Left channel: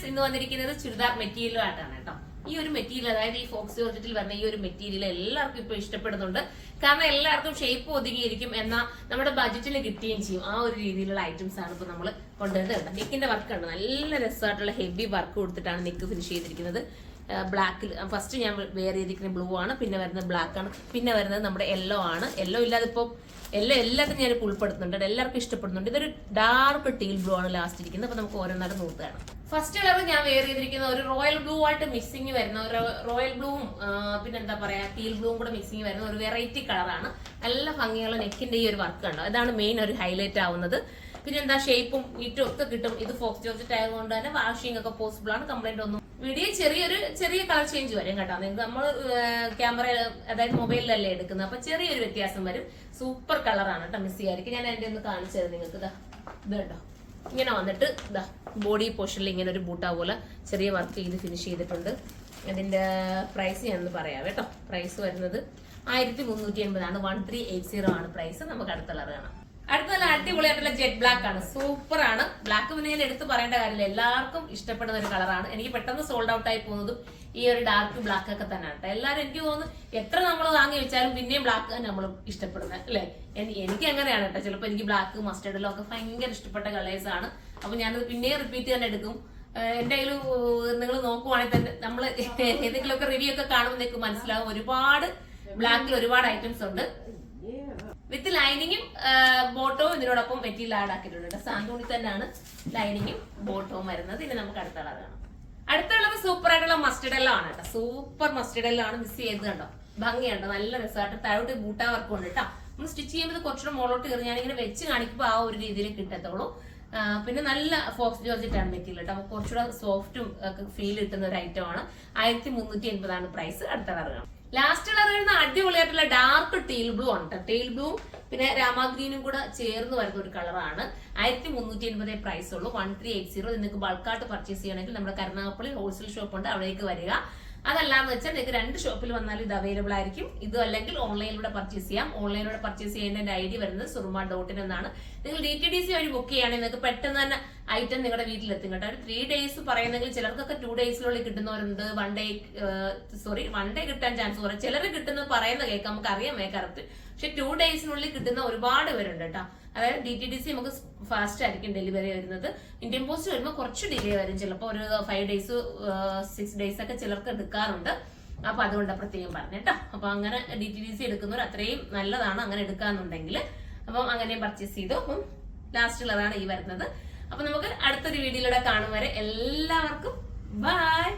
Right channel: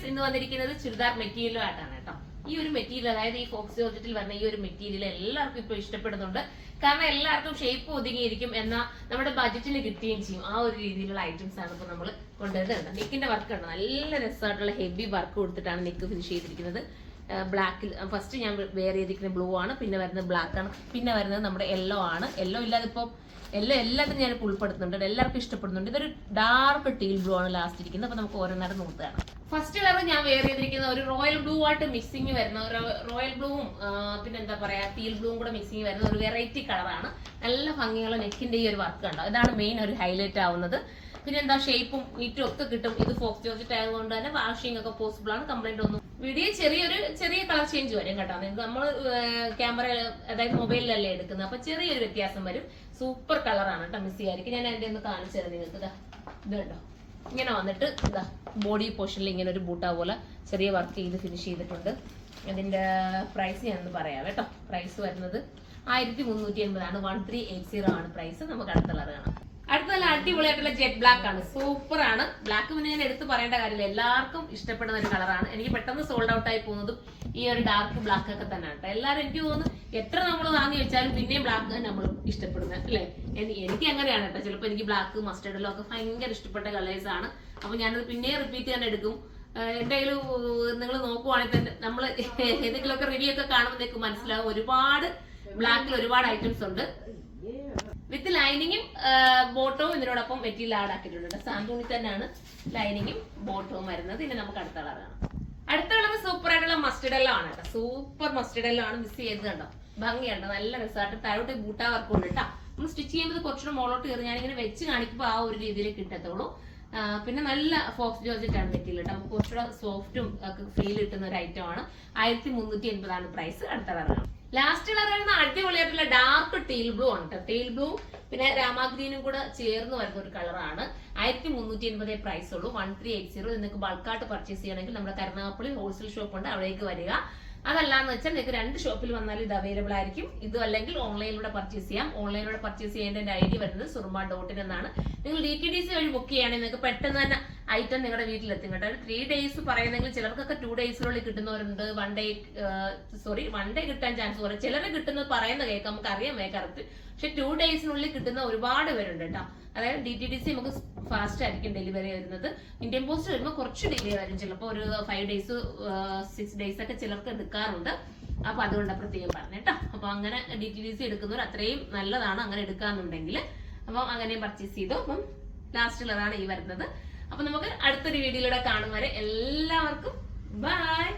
Friends, ഇന്ന് വന്നിരിക്കുന്നത് ചുരിദാർ മെറ്റീരിയലും ആയിട്ടാണ് കേട്ടോ. ഈ ഒരു മെറ്റീരിയൽ, അതായത് ഈ ഫോക്സ് ജോർജറ്റിൽ വരുന്ന ഈ ഒരു മെറ്റീരിയൽ എല്ലാവർക്കും ഇപ്പൊ ഇഷ്ടപ്പെടുന്നുണ്ട്. കാരണം എല്ലാവർക്കും ഷേപ്പ് ഒതുങ്ങിയിരിക്കും, എന്നാൽ നമ്മുടെ ബജറ്റിന് കിട്ടുകയും ചെയ്യും. ആ ഒരു രീതിയിലുള്ള ഐറ്റംസ് ആണ് ഇപ്പൊ നമ്മൾ കൊണ്ടുവരുന്നത്. നെക്കിന്റെ വർക്ക് ഉണ്ട്, നല്ല രസമായിട്ടുള്ള ഹെവി വർക്ക് കൊടുത്തിട്ടാണ് നെക്ക് ഫിനിഷ് ചെയ്തിരിക്കുന്നത്. ബ്ലാക്കിൽ ഫസ്റ്റ് ഞാൻ വെയർ ചെയ്തിരിക്കുന്ന ബ്ലൂ ആണ്, പിന്നെ വരുന്നത് ബ്ലാക്ക് ആണ്, പിന്നെ വരുന്നത് നമ്മുടെ യെല്ലോ ആണ്. യെല്ലോ ഇല്ലാതെ ഇപ്പം എല്ലാത്തിനും ഞാൻ ഉൾപ്പെടുത്തുന്നുണ്ട്, എല്ലാവർക്കും ഇഷ്ടപ്പെടുന്നുണ്ട്. ഇതൊരു ഡാർക്ക് ടീൽ ബ്ലൂ ആണ് ലാസ്റ്റ് ഇരിക്കുന്നത്. അപ്പൊ നമുക്ക് ഓരോന്നേരം നോക്കുകയാണ്. ഫസ്റ്റ് കളർ ഞാൻ വെയർ ചെയ്തിരിക്കുന്ന ഒരു റോയൽ ബ്ലൂ ആയിട്ട് മിക്സിങ് വരുന്ന ഒരു റോയൽ ബ്ലൂവും പിന്നെ എന്താ പറയാ ടീൽ ബ്ലൂവും കൂടെ മിക്സിങ് വരുന്ന ഒരു വെറൈറ്റി കളറാണ്. നല്ല ഭംഗിയുള്ള നെക്കിന്റെ ഈ ഒരു വർക്ക് ഉണ്ട്, ഇതാണ് മെയിൻ ഒരു ഹൈലൈറ്റ് ആവുന്നത്. പിന്നെ എന്താ ഷേപ്പും നീറ്റും ഒക്കെ കിട്ടും. ഇത് ഫോക്സ് ജോർജറ്റ് ആയതുകൊണ്ട് തന്നെ വാഷിംഗ് ഒക്കെ പോസിബിൾ ആണ്, കംപ്ലൈന്റ് ഒന്നും. വീഡിയോ ചെറിയ കളർ ചേഞ്ച് വരും കേട്ടോ. നമ്മൾ ക്യാമറ അതായത് മൊബൈലിലല്ലേ എടുക്കുന്നത്, അപ്പൊ ചെറിയൊരു വ്യത്യാസം വരും. സൂപ്പർ കളറാണ് കേട്ടോ, മിസ് ചെയ്യായിരിക്കും. ഞാൻ അതിന്റെ ഒന്ന് കാണിച്ചു തരാം നിങ്ങൾക്ക്. ഇത് കേട്ടോ, ഇങ്ങനെ വന്നിട്ട് ഇതാ ബോഡി പോർഷനിൽ ഇങ്ങനെ ഒരു ബൂട്ട പോലെ ചെറിയ വർക്ക് ചെയ്ത് ഫിനിഷ് ചെയ്തിട്ടുണ്ട്. അതിന്റെ പ്രൈസ് ഞാനൊന്ന് പറയാം കേട്ടോ. പ്രൈസ് വരുന്നത് 1380 ആണ്. 1380 ആണ് പ്രൈസ്. നമുക്ക് അടുത്ത കളർ കാണാം. അടുത്ത നല്ല അടിപൊളിയായിട്ടുള്ള ജെറ്റ് ബ്ലാക്ക് ആണ്, സൂപ്പർ ആണ്. ബ്ലാക്ക് പിന്നെ ഞാൻ എടുത്ത് പറയേണ്ട കാര്യമില്ല, എല്ലാവർക്കും ഇഷ്ടപ്പെടുന്ന ഒരു കളറാണ്. എനിക്ക് പെട്ടെന്ന് സോൾഡ് ഔട്ട് ആയി പോകുന്നതും ഈ ഒരു ഡാർക്ക് ബ്ലാക്ക് ഒക്കെ തന്നെയാണ് കേട്ടോ. എല്ലാവരും എനിക്ക് തോന്നുന്നു എത്ര നമ്മൾ വാങ്ങി വെച്ചാലും പിന്നെയും ബ്ലാക്ക് നമ്മൾ ഇഷ്ടപ്പെടുന്നത് അല്ലേ. എനിക്ക് അങ്ങനെയാണ് കേട്ടോ. ചിലപ്പോൾ എനിക്ക് ബ്ലാക്ക് മസ്റ്റേർഡിലും ഒക്കെ ഭയങ്കര ഇഷ്ടപ്പെട്ട കളേഴ്സ് ആണ്. അപ്പൊ ഞാനത് പിന്നെയും റിപ്പീറ്റ് തന്നെ എടുക്കും. എന്റെ കയ്യിൽ നിങ്ങൾ നോക്കുവാണെങ്കിൽ തന്നെ നമ്മൾ ഏതെങ്കിലുമൊക്കെ റിവ്യൂ ഒക്കെ കാണുമ്പോൾ നിങ്ങൾക്ക് മനസ്സിലാവും, ഒരുപാട് ബ്ലാക്കിൽ ഒരുപാട് ഐറ്റംസ് ഉണ്ട്. വിത്ത് ലൈനിങ്ങും ബോട്ടവും ഇതിനോടൊപ്പം മെറ്റീരിയൽ ആഡ് ആക്കിയിട്ടുണ്ട്. സാന്തൂണി തന്നെയാണ് ലൈനിങ്ങും ബോട്ടവും വരുന്നത്. ഇനി നമുക്ക് അടുത്ത കളർ കാണാം. അടുത്ത കളർ സൂപ്പർ ആയിട്ടുള്ള മസ്റ്റർഡ് എല്ലോ ആണ് കേട്ടോ. സൂപ്പർ മസ്റ്റർഡ് എല്ലോ ആണ്. മിസ് ചെയ്ത് കണ്ടോ, ഭംഗിയുണ്ടോ, നല്ല രസമായിട്ട് താഴോട്ട് ബൂട്ടാ വർക്ക് ഉണ്ട് കേട്ടോ. നമ്മൾ സ്റ്റിച്ച് ചെയ്യുമ്പോൾ കുറച്ചുകൂടെ മോളോട്ട് കയറി ഞാനിങ്ങനെ വെച്ച് കാണിക്കുമ്പോൾ ആ ഒരു രീതിയിൽ കിട്ടത്തുള്ളൂ. പിന്നെ നല്ല ഫോക്സ് ജോർജറ്റ് ആണ് മെറ്റീരിയൽ കേട്ടോ. നമുക്ക് കുറച്ചുകൂടെ സോഫ്റ്റും ഒക്കെ ഫീൽ കിട്ടുന്ന ഒരു ഐറ്റം ആണ്. 1380 ആണ് പ്രൈസ്. അടുത്ത കളർ കാണാം. ലാസ്റ്റ് കളർ വരുന്ന അടിപൊളിയായിട്ടുള്ള ഡാർക്ക് ടീൽ ബ്ലൂ ആണ് കേട്ടോ. ടീൽ ബ്ലൂ പിന്നെ രാമാഗ്രീനും കൂടെ ചേർന്ന് വരുന്ന ഒരു കളറാണ്. 1380 പ്രൈസ് ഉള്ളൂ. 1380. നിങ്ങൾക്ക് ബൾക്കായിട്ട് പർച്ചേസ് ചെയ്യണമെങ്കിൽ നമ്മുടെ കരുനാഗപ്പള്ളി ഹോൾസെയിൽ ഷോപ്പ് ഉണ്ട്, അവിടേക്ക് വരിക. അതല്ലാന്ന് വെച്ചാൽ നിങ്ങൾക്ക് 2 ഷോപ്പിൽ വന്നാലും ഇത് അവൈലബിൾ ആയിരിക്കും. ഇതും അല്ലെങ്കിൽ ഓൺലൈനിലൂടെ പർച്ചേസ് ചെയ്യാം. ഓൺലൈനിലൂടെ പർച്ചേസ് ചെയ്യേണ്ട ഐഡി വരുന്നത് surma.in എന്നാണ്. നിങ്ങൾ DTDC വഴി ബുക്ക് ചെയ്യുകയാണെങ്കിൽ നിങ്ങൾക്ക് പെട്ടെന്ന് തന്നെ ഐറ്റം നിങ്ങളുടെ വീട്ടിലെത്തും കേട്ടോ. ഒരു 3 ഡേയ്സ് പറയുന്നെങ്കിൽ ചിലർക്കൊക്കെ 2 ഡേയ്സിനുള്ളിൽ കിട്ടുന്നവരുണ്ട്. 1 ഡേ കിട്ടാൻ ചാൻസ് കുറയും. ചിലർ കിട്ടുന്നത് പറയുന്നത് കേൾക്കാം, നമുക്ക് അറിയാമേ കറക്റ്റ്. പക്ഷെ 2 ഡേയ്സിനുള്ളിൽ കിട്ടുന്ന ഒരുപാട് പേരുണ്ട് കേട്ടോ. അതായത് DTDC നമുക്ക് ഫാസ്റ്റ് ആയിരിക്കും ഡെലിവറി വരുന്നത്. ഇന്ത്യൻ പോസ്റ്റ് വരുമ്പോൾ കുറച്ച് ഡിലേ വരും, ചിലപ്പോൾ ഒരു 5 ഡേയ്സ് 6 ഡേയ്സ് ഒക്കെ ചിലർക്ക് എടുക്കാറുണ്ട്. അപ്പൊ അതുകൊണ്ട് പ്രത്യേകം പറഞ്ഞേട്ടോ. അപ്പൊ അങ്ങനെ DTDC എടുക്കുന്നവർ അത്രയും നല്ലതാണ് അങ്ങനെ എടുക്കാന്നുണ്ടെങ്കിൽ. അപ്പം അങ്ങനെ പർച്ചേസ് ചെയ്തു. അപ്പം ലാസ്റ്റ് കളറാണ് ഈ വരുന്നത്. അപ്പൊ നമുക്ക് അടുത്തൊരു വീഡിയോയിലൂടെ കാണും വരെ എല്ലാവർക്കും ബൈ.